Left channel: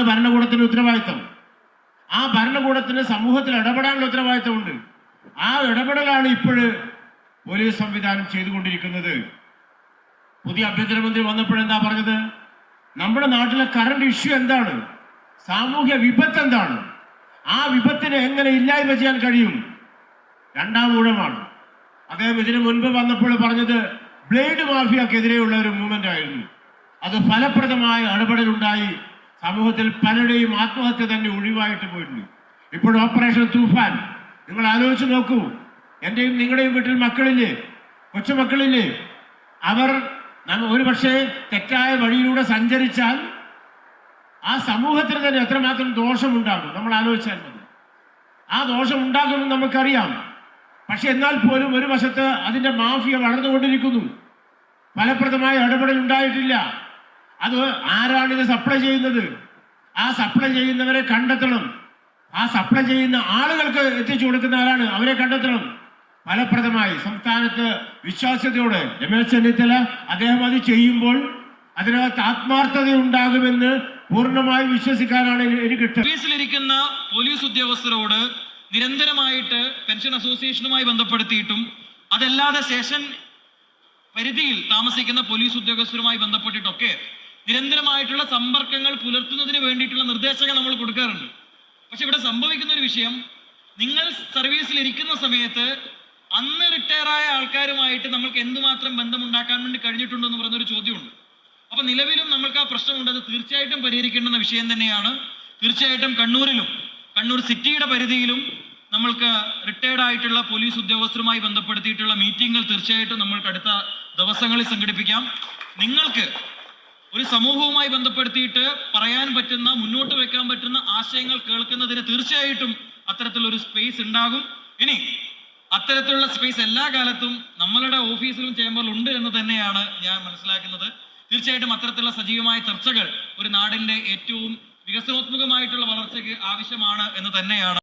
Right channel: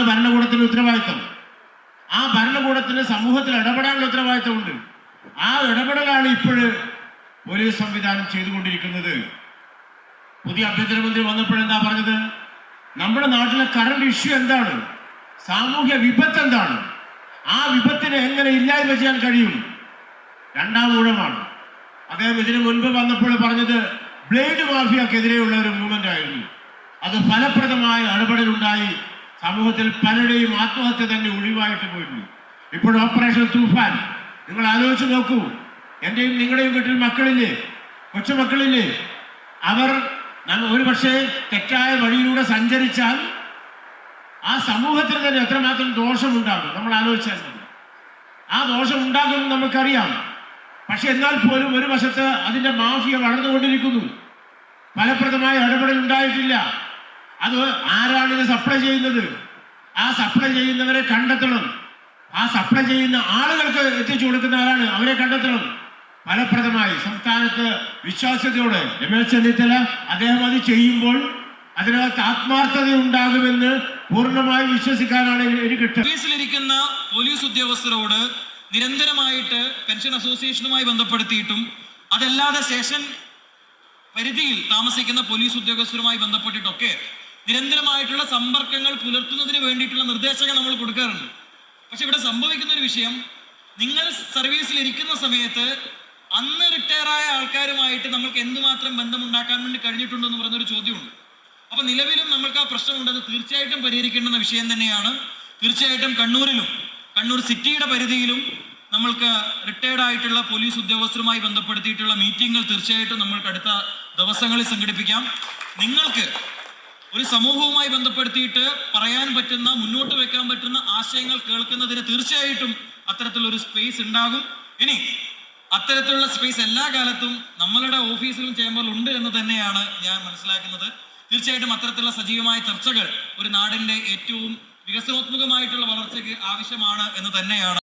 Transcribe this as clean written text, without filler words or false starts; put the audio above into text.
അതാണ് ഭരണകൂടത്തിന്റെ ഉത്തരവാദിത്തം. ആ ഭരണകൂടത്തിന് സമൂഹത്തിൽ ഇടപെടാനുള്ള ഉത്തരവാദിത്തമുണ്ട്. ആ ഇടപെടലാണ് ഇപ്പോഴ് പോലീസ് സംവിധാനം ചെയ്തുകൊണ്ടിരിക്കുന്നത്. പുതിയ ആഭ്യന്തരമന്ത്രി വന്നപ്പോഴെന്താ പറഞ്ഞത്? നമ്മുടെ നാട്ടിലെ കറണ്ട് ഇഷ്യൂ എന്താണ്, സാമൂഹ്യ വിപത്ത് എന്താണ്, ആ വിപത്തിനെ എങ്ങനെ ഇല്ലായ്മ ചെയ്യാൻ കഴിയും? രണ്ടാം ഊഴമാണ്. അദ്ദേഹം ഇതിനു മുൻപ് വന്നപ്പോൾ പറഞ്ഞത് ബ്ലേഡ് മാഫിയക്കെതിരെയുള്ള ഒരു മൂവ്മെന്റ് ആയിരുന്നു. അത് ഫലപ്രദമായ ഇടപെടലുണ്ടായി സമൂഹത്തിൽ പലരുടെയും ആത്മഹത്യ തന്നെ ഒഴിവായിട്ട് പോയിരുന്നു. ഇപ്പോൾ ഓപ്പറേഷൻ തൂഫാൻ നിങ്ങൾ ആലോചിച്ച് നോക്കൂ. എൻ്റെയും നിങ്ങളുടെയും വീട്ടിൽ മക്കളില്ലേ, കൊച്ചുമക്കളില്ലേ? അവർ ഒരു പക്ഷേ തെറ്റായ വഴിയിലൂടെ സഞ്ചരിച്ചാൽ ആ സമൂഹത്തിന് തന്നെ എത്രമാത്രം ദോഷമുണ്ടാകും നമ്മൾ ആലോചിച്ചാൽ മതി. ആ ദോഷം ഉണ്ടാകുമെന്ന് നമുക്കറിയാം. പക്ഷെ എന്നാൽ പോലും ഒരു വശത്ത് അതിൻ്റെ മാഫിയ വളർന്നുകൊണ്ടിരിക്കുന്നു. ഫലപ്രദമായ ഇടപെടൽ ഉണ്ടായിട്ടില്ല. അത് ആരാണിത് സപ്ലൈ ചെയ്യുന്നത്? ആ സപ്ലൈ ചെയ്യുന്നവരെ കണ്ടെത്തണം. ആ സപ്ലൈ ചെയ്യുന്ന ആളുകൾക്ക് എത്തിച്ചു കൊടുക്കുന്ന ആരാണ്, അവരെ കണ്ടെത്തണം. ഫലപ്രദമായി സംസ്ഥാനത്ത് വിശ്വാസ്യതയോടെ രമേശ് ചെന്നിത്തല അദ്ദേഹം അത് ചെയ്യുമ്പോൾ അതിനകത്ത് ആത്മാർത്ഥത ഉണ്ടാകുമെന്ന് പൂർണ്ണമായി വിശ്വസിക്കാനാണ് എനിക്ക് ഇഷ്ടം. ഓഫീസിലിരിക്കുന്ന പോലീസ് ഉദ്യോഗസ്ഥരോട് നിരന്തരമായിട്ട് പെൻഷൻ അസോസിയേഷനുമായി ബന്ധപ്പെടുത്തിയിട്ടും അതല്ലാതെ സ്റ്റേഷൻ പരിധിയിൽ താമസിക്കുന്ന പോലീസ് ഉദ്യോഗസ്ഥരുമായി ബന്ധപ്പെട്ടിട്ടൊക്കെ നിരന്തരമായിട്ടുള്ള സമ്പർക്കങ്ങൾ പുലർത്തുന്നതിന് വേണ്ടിയിട്ടുള്ള നിർദ്ദേശങ്ങൾ നമ്മൾ കൊടുക്കാറുണ്ട്. പക്ഷെ ഇവിടെ സംഭവിക്കുന്ന ഒരു വിഷയം, നിങ്ങൾ സർവീസിൽ ഇരിക്കുന്ന സമയത്ത് അന്ന് റിട്ടയറായ ആൾക്കാരുമായിട്ട് നമ്മൾക്ക് എന്തുമാത്രം ബന്ധമുണ്ടാക്കാൻ വേണ്ടി കഴിഞ്ഞിട്ടുണ്ടോ എന്ന് പറയുന്നൊരു ചോദ്യമുണ്ട്. അപ്പൊ നിലവിലും നമ്മൾക്ക് ആ പ്രശ്നമുണ്ടെന്ന് തീർച്ചയായിട്ടും പരിഹരിക്കേണ്ടുന്ന വിഷയം തന്നെയാണ്. തീർച്ചയായിട്ടും കണ്ണൂർ സിറ്റിയുടെ പരിധിയിലും നമ്മൾക്ക് റിട്ടയർഡ് ആയിട്ടുള്ള പോലീസ് ഉദ്യോഗസ്ഥരുമായി ബന്ധപ്പെടുത്തിയിട്ടുള്ള മീറ്റിങ്ങുകൾ തീർച്ചയായിട്ടും നമ്മൾക്ക് അടുത്ത ദിവസങ്ങളിൽ സംഘടിപ്പിക്കാം. നിങ്ങൾക്ക് ഒരു സമൂഹവുമായി ബന്ധപ്പെടുത്തിയിട്ട് പറയാൻ പറ്റുന്ന, മുന്നോട്ട് വെക്കാൻ പറ്റുന്ന ആശയങ്ങൾ കേൾക്കുന്നതിന് തീർച്ചയായിട്ടും അത്തരത്തിലൊരു സ്പേസ് ഉണ്ടാകും. ഇനി അത്തരത്തിലുള്ള സ്പേസ് എല്ലാ കാലത്തും നമ്മളുടെ ഓഫീസിലും ചേംബറിലും ഉണ്ട് എന്ന് തന്നെയാണ് ഞാൻ മനസ്സിലാക്കുന്നത്. തീർച്ചയായിട്ടും അത്തരത്തിലുള്ള സജീവമായ ചർച്ചകൾ ഒരു നാടിന്റെ ഏറ്റവും വികസനോത്മുഖമായിട്ടുള്ള വളർച്ചയ്ക്ക് ആവശ്യമാണ് എന്ന് തന്നെയാണ്